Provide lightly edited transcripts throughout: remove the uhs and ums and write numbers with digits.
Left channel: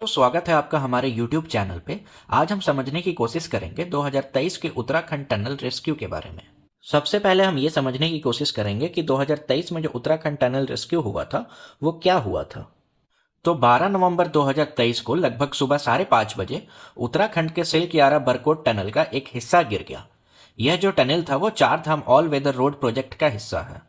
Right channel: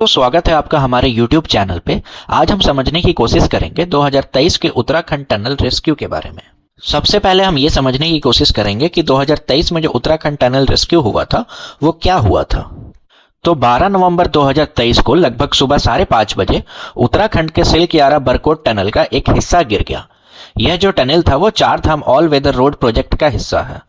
तो स्वागत है आपका हमारे YouTube चैनल पे। आज हम समझने की कोशिश करेंगे 2023 के उत्तराखंड टनल रेस्क्यू के बारे में। सबसे पहले हम ये समझने की कोशिश करेंगे कि 2023 में जो उत्तराखंड टनल रेस्क्यू हुआ था वो क्या हुआ था। तो 12 नवंबर 2023 को लगभग सुबह 5:30 बजे उत्तराखंड के सिलक्यारा बरकोट टनल का एक हिस्सा गिर गया। यह जो टनल था वो चार धाम ऑल वेदर रोड प्रोजेक्ट का हिस्सा है।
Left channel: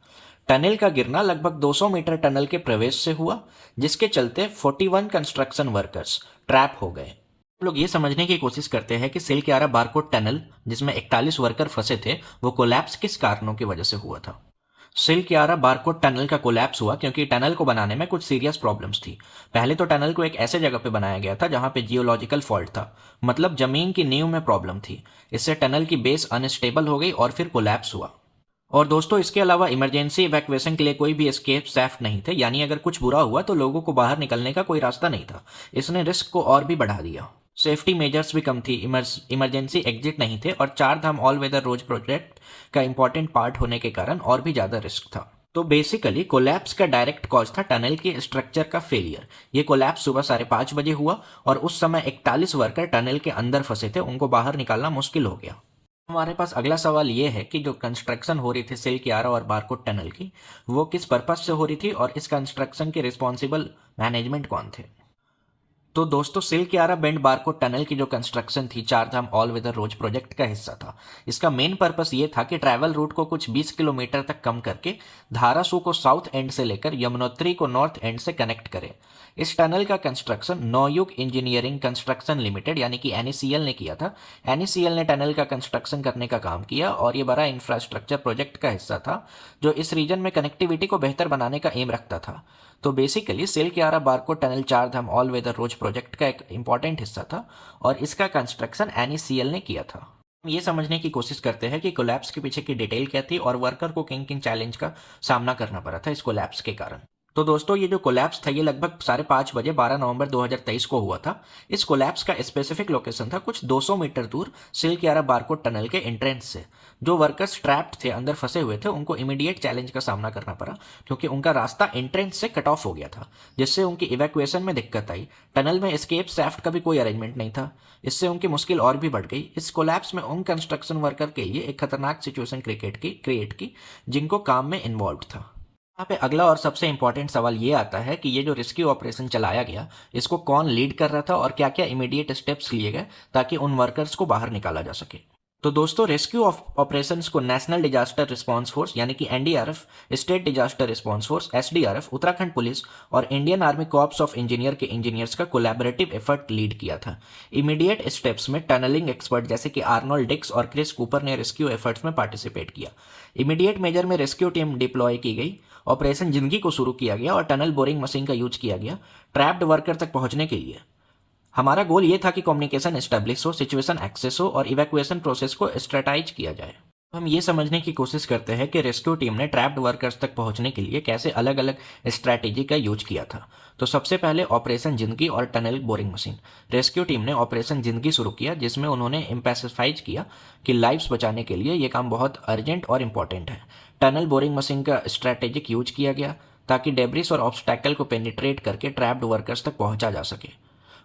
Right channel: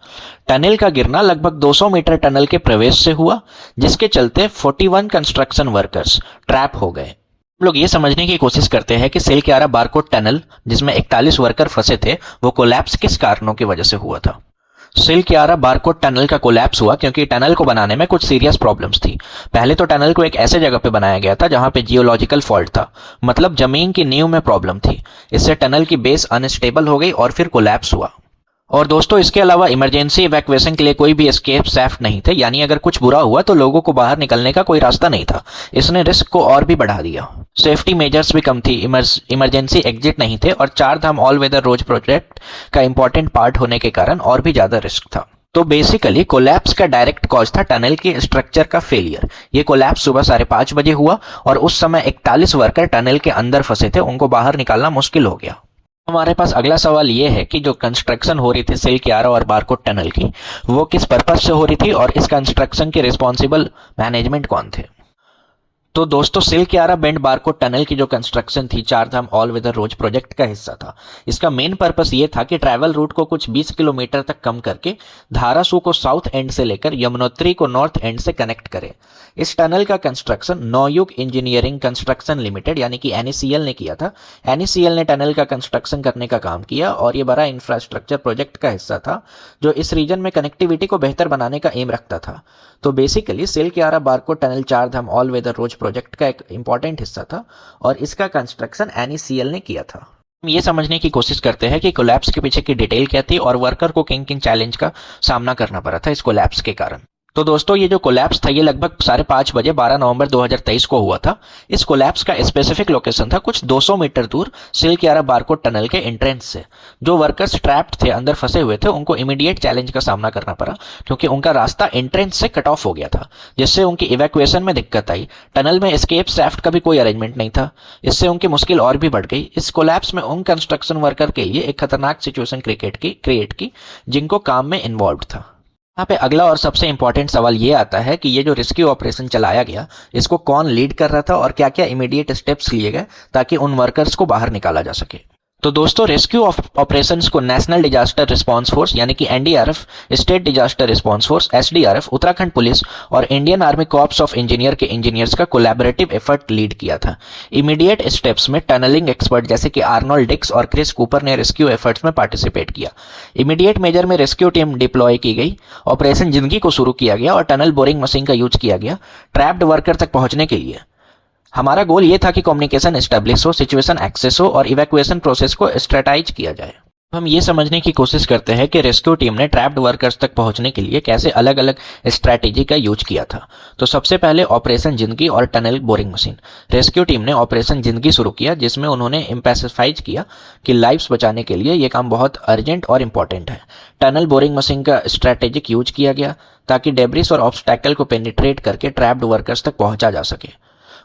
टनल का गिरना लगभग 200 मीटर टनल के प्रवेश से हुआ, जिसके चलते 41 कंस्ट्रक्शन वर्कर्स ट्रैप हो गए। हम लोग ये समझने की कोशिश करते हैं कि सिलक्यारा बारकोट टनल जिसमें 41 वर्कर फंसे थे वो कोलैप्स किस कारणों की वजह से हुआ था। सिलक्यारा बारकोट टनल का कोलैप्स हुआ क्योंकि टनल को बनाने में कुछ सीरियस प्रॉब्लम्स थी। पहले तो टनल को एक ऐसे जगह पे बनाया गया था जहां पे जियोलॉजिकल फॉल्ट था, मतलब जमीन की नींव में प्रॉब्लम थी। इससे टनल की बेस अनस्टेबल हो गई और फिर कोलैप्स हुआ। और दोस्तों, इसके अलावा इमरजेंसी इवैक्यूएशन के लिए कोई भी एस्केप सैफ्ट नहीं थे, यानी अगर कुछ बुरा हुआ तो लोगों को बाहर निकलने का कोई रास्ता नहीं था। इसने रिस्क को और भी बढ़ा दिया। सेफ्टी मेजर्स भी कम थी, इमरजेंसी एग्जिट नहीं थे और चार धाम ऑल वेदर रोड प्रोजेक्ट का इंपॉर्टेंट पार्ट होने के कारण और भी ज्यादा रिस्क था। तो बेसिकली कोलैप्स का डायरेक्ट कॉज था टनल के स्ट्रक्चर का फेलियर। ये कोलैप्स सुबह 5:30 बजे हुआ और उस समय 41 वर्कर टनल के अंदर फंसे थे, उनको बाहर निकालना मुश्किल हो गया। हमारे पास अगला सवाल ये है कि जो कंस्ट्रक्शन हो रही थी सिलक्यारा और बारकोट टनल की, वो किस पर्पज से हो रही थी और इस कंस्ट्रक्शन के रिस्पॉन्सिबल मैनेजमेंट कौन थे। तो दोस्तों, सिलक्यारा बेंड बारकोट टनल की जो कंस्ट्रक्शन थी चार धाम ऑल वेदर रोड प्रोजेक्ट का हिस्सा था। इसका मेन पर्पस ये था कि ट्रैवल रूट को कुछ 20 किलोमीटर तक कम करके धारासू को साउथ एंड से लेकर यमुनोत्री को नॉर्थ एंड से कनेक्ट करे। इस टनल का construction Navyug engineering construction limited यानी कि एनईसीएल ने किया था। एनईसीएल ने टनल का कंस्ट्रक्शन करने का काम किया और ये बड़ा इंफ्रास्ट्रक्चर प्रोजेक्ट का हिस्सा था जो इस रीजन में कनेक्टिविटी को बेहतर बनाने का एम रखता था। तो बेसिकली सिलक्यारा बारकोट टनल चार धाम ऑल वेदर रोड प्रोजेक्ट का एक इंपॉर्टेंट हिस्सा था और इसका कंस्ट्रक्शन एनईसीएल ने किया था। हम ये समझने की कोशिश करते हैं कि कोलैप्स के पीछे की डिटेल क्या थी और वर्कर को किन किन चैलेंज का सामना करना पड़ा था इस कोलैप्स के कारण। तो दोस्तों, ये जो कोलैप्स था ये लगभग 5:30 बजे 12 नवंबर 2023 को हुआ था। इस कोलैप्स का स्पेसिफिक लोकेशन था कुछ 200 मीटर दूर सिलक्यारा बारकोट टनल के एंट्रेंस से। जो वर्कर्स ट्रैप्ड थे, अंदर फंसे हुए थे, उनको इमीडिएट चैलेंज का सामना करना पड़ा क्योंकि उनका रास्ता एंट्रेंस से कट ऑफ हो गया था, जिससे उनकी इवैक्यूएशन में दिक्कत आई। टनल में एस्केप सैफ्ट का भी कोई अरेंजमेंट नहीं था, इससे उनकी मुश्किल और भी बढ़ गई। इस कोलैप्स में उन कंस्ट्रक्शन वर्कर के लिए एक खतरनाक सिचुएशन क्रिएट की जिनको काम में इन्वॉल्व था। यहाँ पे अगला और सबसे इंपॉर्टेंट सवाल ये आता है कि ये जो रेस्क्यू ऑपरेशन चलाया गया इसको कौन लीड कर रहा था और क्या क्या इमीडिएट स्टेप्स लिए गए ताकि उन वर्कर्स को बाहर निकाला जा सके। तो दोस्तों, रेस्क्यू ऑपरेशंस को नेशनल डिजास्टर रिस्पांस फोर्स यानी कि NDRF, state disaster response force SDRF, Uttarakhand police और Indian army corps of engineer के इंजीनियर्स का कोलैबोरेटिव एफर्ट लीड किया था। इमीडिएट स्टेप्स में टनलिंग एक्सपर्ट जैसे कि आर्नोल्ड डिक्स और क्रिस कूपर ने रेस्क्यू एफर्ट्स में पार्टिसिपेट किया। इमीडिएट मेजर में रेस्क्यू टीम डिप्लॉय की गई, ऑपरेशन जिंदगी को शुरू किया गया और टनल बोरिंग मशीन का यूज किया गया ट्रैप्ड वर्कर तक पहुंचने के लिए। हमारा गोल ये था कि कम्युनिकेशन एस्टेब्लिश हो, सिचुएशन एक्सेस हो और इवैक्यूएशन प्रोसेस को स्ट्रेटाइज किया जाए। हम ये समझने की कोशिश करते हैं कि रेस्क्यू टीम ने ट्रैप्ड वर्कर्स तक पहुंचने के लिए कैसे अलग अलग स्ट्रैटेजी का यूज किया था। तो सबसे पहले ऑपरेशन जिंदगी और tunnel boring machine. Rescue team ने ऑपरेशन जिंदगी शुरू किया जिसमें उन्होंने एम्फेसाइज किया कि लाइफ्स बचाने के लिए ये काम बहुत अर्जेंट और इंपॉर्टेंट है। टनल बोरिंग मशीन का स्ट्रैटेजिक यूज किया गया ताकि डेब्रिस और ऑब्स्टैकल को पेनिट्रेट करके ट्रैप्ड वर्कर्स तक पहुंचा जा सके।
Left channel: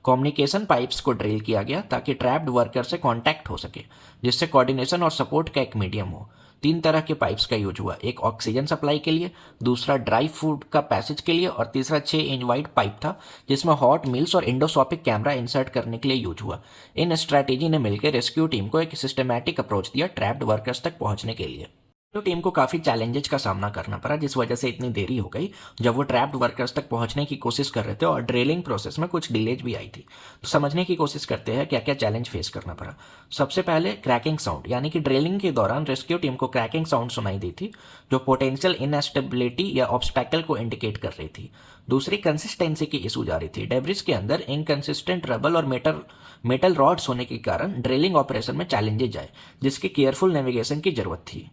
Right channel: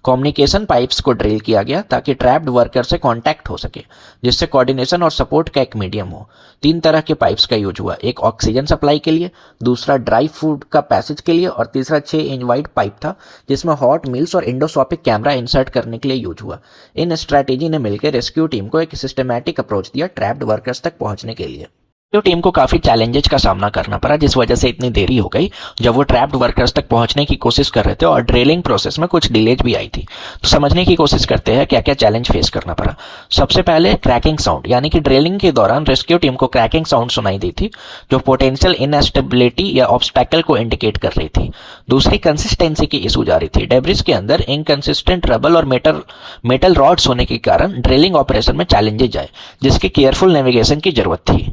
कम्युनिकेशन पाइप्स को ड्रिल किया गया ताकि ट्रैप्ड वर्कर से कांटेक्ट हो सके, जिससे कोऑर्डिनेशन और सपोर्ट का एक मीडियम हो। 3 तरह के पाइप्स का यूज हुआ, एक ऑक्सीजन सप्लाई के लिए, दूसरा ड्राई फूड का पैसेज के लिए और तीसरा 6 इंच वाइड पाइप था जिसमें हॉट मील्स और इंडोस्कोपिक कैमरा इंसर्ट करने के लिए यूज हुआ। इन स्ट्रैटेजी ने मिलकर रेस्क्यू टीम को एक सिस्टमैटिक अप्रोच दिया ट्रैप्ड वर्कर्स तक पहुंचने के लिए। तो टीम को काफी चैलेंजेस का सामना करना पड़ा जिस वजह से इतनी देरी हो गई जब वो ट्रैप्ड वर्कर्स तक पहुंचने की कोशिश कर रहे थे और ड्रिलिंग प्रोसेस में कुछ डिलेज भी आई थी। तो समझने की कोशिश करते हैं क्या क्या चैलेंज फेस करना पड़ा। सबसे पहले क्रैकिंग साउंड, यानी कि ड्रिलिंग के दौरान रेस्क्यू टीम को क्रैकिंग साउंड सुनाई दी थी जो पोटेंशियल इनएस्टेबिलिटी या ऑब्स्टैकल को इंडिकेट कर रही थी। दूसरी कंसिस्टेंसी की इशू जा रही थी। डेब्रिस के अंदर इनकंसिस्टेंट रबल और मेटल रॉड्स होने के कारण ड्रिलिंग ऑपरेशन में चैलेंजेज आए जिसकी केयरफुल नेविगेशन की जरूरत थी।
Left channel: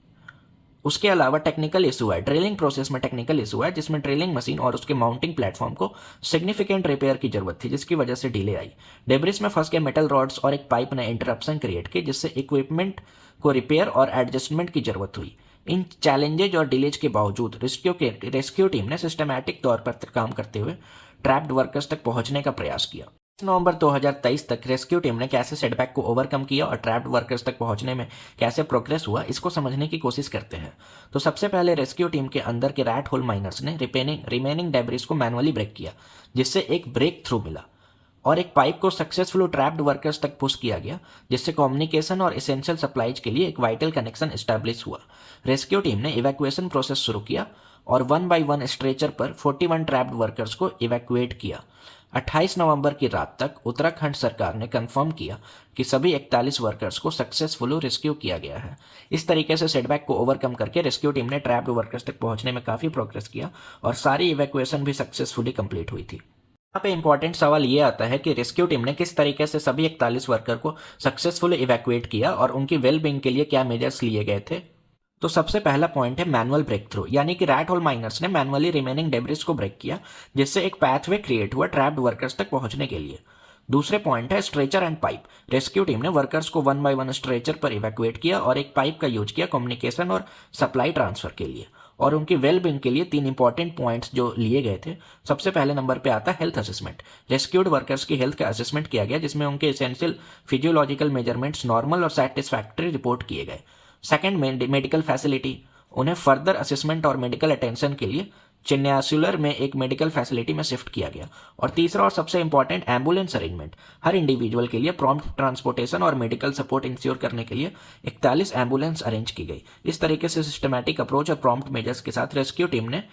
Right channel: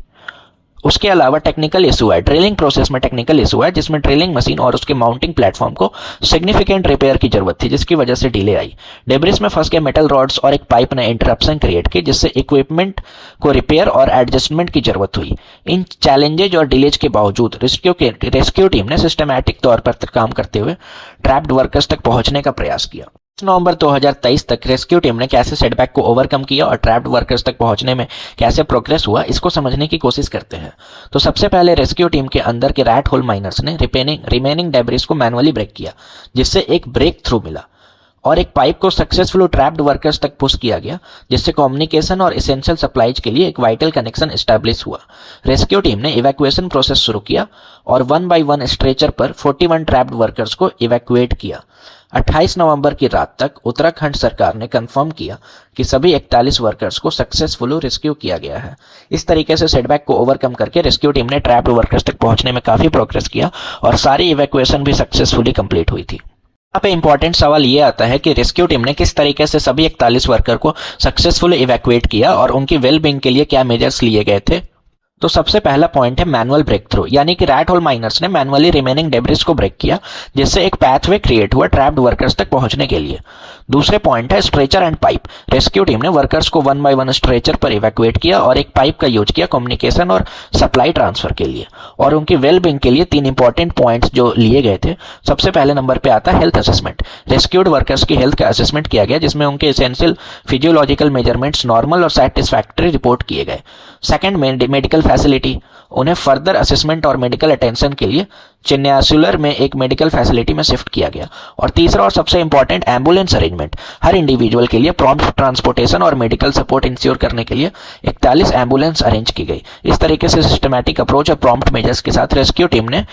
उसके अलावा टेक्निकल इशू है, ड्रिलिंग प्रोसेस में टेक्निकल इशू है जिसमें ड्रिलिंग मशीन और उसके माउंटिंग प्लेटफॉर्म को सिग्निफिकेंट रिपेयर की जरूरत थी जिसकी वजह से डिले आई। डेब्रिस में फंस गए मेटल रॉड्स और एक पाइप ने इंटरप्शन क्रिएट की जिससे इक्विपमेंट को रिपेयर और एडजस्टमेंट की जरूरत हुई। इन चैलेंजेज और डिलेज के बावजूद रेस्क्यू टीम ने सिस्टमैटिक तौर पर काम करते हुए ट्रैप्ड वर्कर्स तक पहुंचने का प्रयास किया। नवंबर 2023 तक रेस्क्यू टीम ने कैसे सेटबैक को ओवरकम किया और ट्रैप्ड वर्कर्स तक पहुंचने में कैसे प्रोग्रेस हुआ, इसको समझने की कोशिश करते हैं। तो सबसे पहले रेस्क्यू टीम के अंदर के रैट होल माइनर्स ने रिमेनिंग डेब्रिस को मैनुअली ब्रेक किया, जिससे एक ब्रेक थ्रू मिला और एक पाइप को सक्सेसफुल ट्रैप्ड वर्कर्स तक पुश किया गया, जिससे कम्युनिकेशन और एसेंशियल सप्लाईज के लिए एक वाइटल कनेक्शन एस्टैब्लिश हुआ। रेस्क्यू टीम ने इवैक्यूएशन प्रोसेस शुरू किया और 1 बाय 1 स्ट्रेचर पर 41 ट्रैप्ड वर्कर्स को इवैक्यूएट किया। 28 नवंबर की रात तक उत्तराखंड सरकार ने कंफर्म किया कि सभी 41 वर्कर्स को सक्सेसफुली रेस्क्यू किया गया है। इस तरीके से सेटबैक को ओवरकम करके रेस्क्यू टीम ने ट्रैप्ड वर्कर्स तक पहुंचने में काफ़ी प्रोग्रेस किया और सारी इवैक्यूएशन भी सक्सेसफुली कंप्लीट हुई थी। यहाँ पे इंपॉर्टेंट सवाल ये आता है कि रेस्क्यू टीम ने किस तरीके से सभी 41 वर्कर को सक्सेसफुली इवैक्यूएट किया और उनकी वेलबींग के लिए क्या मेजर्स लिए गए थे। तो सबसे पहला पॉइंट है मैनुअल ब्रेक थ्रू, यानी कि रैट होल माइनर्स ने मैनुअली रिमेनिंग डेब्रिस को ब्रेक किया, जिससे एक पाथवे क्रिएट हुआ ट्रैप्ड वर्कर्स तक पहुंचने के लिए। दूसरे पॉइंट है stretcher and pipe. Rescue team ने वर्कर्स को 1 बाय 1 स्ट्रेचर पर इवैक्यूएट किया और एक पाइप का यूज किया कम्युनिकेशन और सप्लाई ट्रांसफर के लिए। और उनकी वेलबींग के लिए 3 इंपॉर्टेंट पॉइंट्स जो लिए गए थे। सबसे पहले नंबर पे आता है हेल्थ असेसमेंट। रेस्क्यूड वर्कर्स की हेल्थ का असेसमेंट किया गया, जिसमें उनके एसेंशियल फिजियोलॉजिकल मेजरमेंट्स नॉर्मल और सेटिस्फैक्टरी रिपोर्ट किए गए। Second, medical facility. उन्हें फर्दर असेसमेंट और मेडिकल अटेंशन के लिए चिन्यासुलर में एक मेडिकल फैसिलिटी में शिफ्ट किया गया। और तीसरा और सबसे इंपॉर्टेंट, एम्बुलेंस अरेंजमेंट। हर इंडिविजुअल के लिए प्रॉम्प्ट ट्रांसपोर्टेशन और मेडिकल सपोर्ट इंश्योर करने के लिए 41 एम्बुलेंस अरेंज की गई। इस तरीके से सिस्टमैटिक अप्रोच और प्रॉम्प्ट मेजर्स के साथ रेस्क्यू टीम ने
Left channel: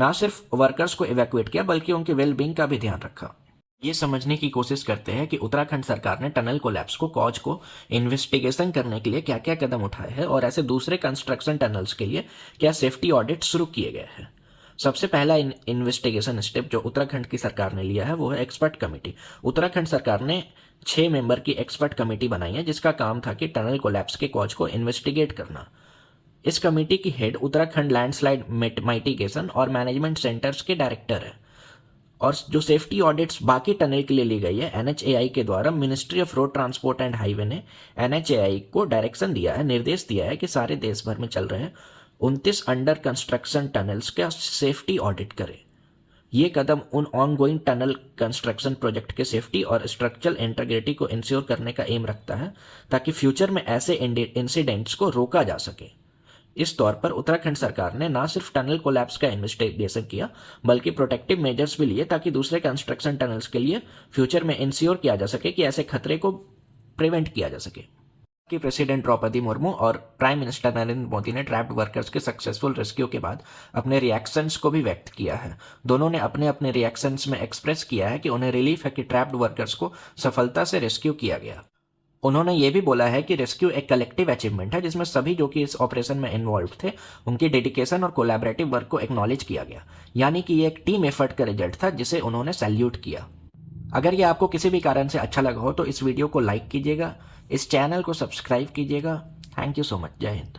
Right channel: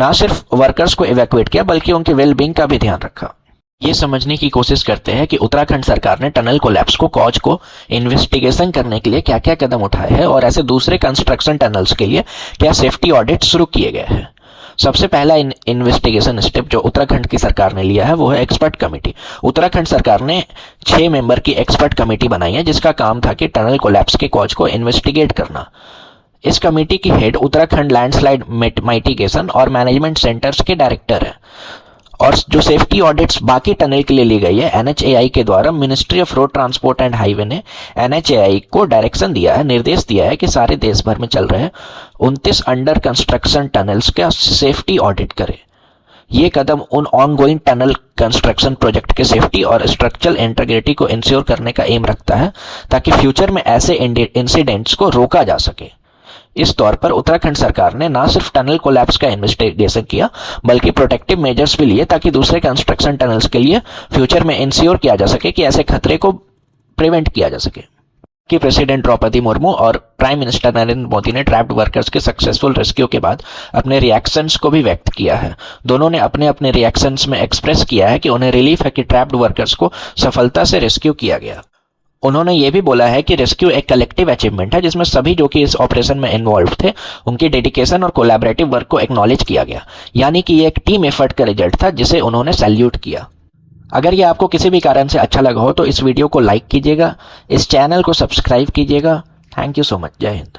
न सिर्फ वर्कर्स को इवैक्यूएट किया बल्कि उनकी वेलबींग का भी ध्यान रखा। ये समझने की कोशिश करते हैं कि उत्तराखंड सरकार ने टनल कोलैप्स को कॉज को इन्वेस्टिगेशन करने के लिए क्या क्या कदम उठाए हैं और ऐसे दूसरे कंस्ट्रक्शन टनल्स के लिए क्या सेफ्टी ऑडिट शुरू किए गए हैं। सबसे पहला इन्वेस्टिगेशन स्टेप जो उत्तराखंड की सरकार ने लिया है वो है एक्सपर्ट कमेटी। उत्तराखंड सरकार ने 6 मेंबर की एक्सपर्ट कमेटी बनाई है, जिसका काम था कि टनल कोलैप्स के कॉज को इन्वेस्टिगेट करना। इस कमेटी की हेड उत्तराखंड लैंडस्लाइड मिटिगेशन और मैनेजमेंट सेंटर्स के डायरेक्टर है। और जो सेफ्टी ऑडिट्स बाकी टनल के लिए ली गई है NHAI के द्वारा, ministry of road transport and highway ने NHAI को डायरेक्शन दिया है, निर्देश दिया है कि सारे देश भर में चल रहे 29 अंडर कंस्ट्रक्शन टनल्स का सेफ्टी ऑडिट करे। ये कदम उन ऑनगोइंग टनल कंस्ट्रक्शन प्रोजेक्ट के सेफ्टी और स्ट्रक्चरल इंटीग्रिटी को इंश्योर करने का एम रखता है, ताकि फ्यूचर में ऐसे इंसिडेंट्स को रोका जा सके। इस तौर पर उत्तराखंड सरकार ने न सिर्फ टनल कोलैप्स का इन्वेस्टिगेशन किया बल्कि प्रोटेक्टिव मेजर्स भी लिए, ताकि दूसरे कंस्ट्रक्शन टनल्स के लिए फ्यूचर में इंश्योर किया जा सके कि ऐसे खतरे को प्रिवेंट किया जा सके। कि प्रेसिडेंट द्रौपदी मुर्मू और प्राइम मिनिस्टर नरेंद्र मोदी ने ट्रैप्ड वर्कर्स के सक्सेसफुल रेस्क्यू के बाद अपने रिएक्शंस को भी व्यक्त किया है। दोनों ने अपने अपने रिएक्शंस में एक्सप्रेस किया है कि उन्हें रिलीफ है कि ट्रैप्ड वर्कर्स को सफलता से रेस्क्यू किया गया। उन्होंने ये भी बोला है कि रेस्क्यू एक कलेक्टिव अचीवमेंट है, जिसमें सभी जो कि इस ऑपरेशन में इन्वॉल्व थे उनकी डेडिकेशन और कोलैबोरेटिव वर्क को एक्नॉलेज किया गया, यानी कि ये एक टीम एफर्ट का रिजल्ट था जिसे उन्होंने सैल्यूट किया। अगर ये आपको किसी भी कारण से अच्छा लगा हो तो इस वीडियो को लाइक कीजिएगा, इस चैनल को सब्सक्राइब कीजिएगा। Thank you so much. जय हिंद।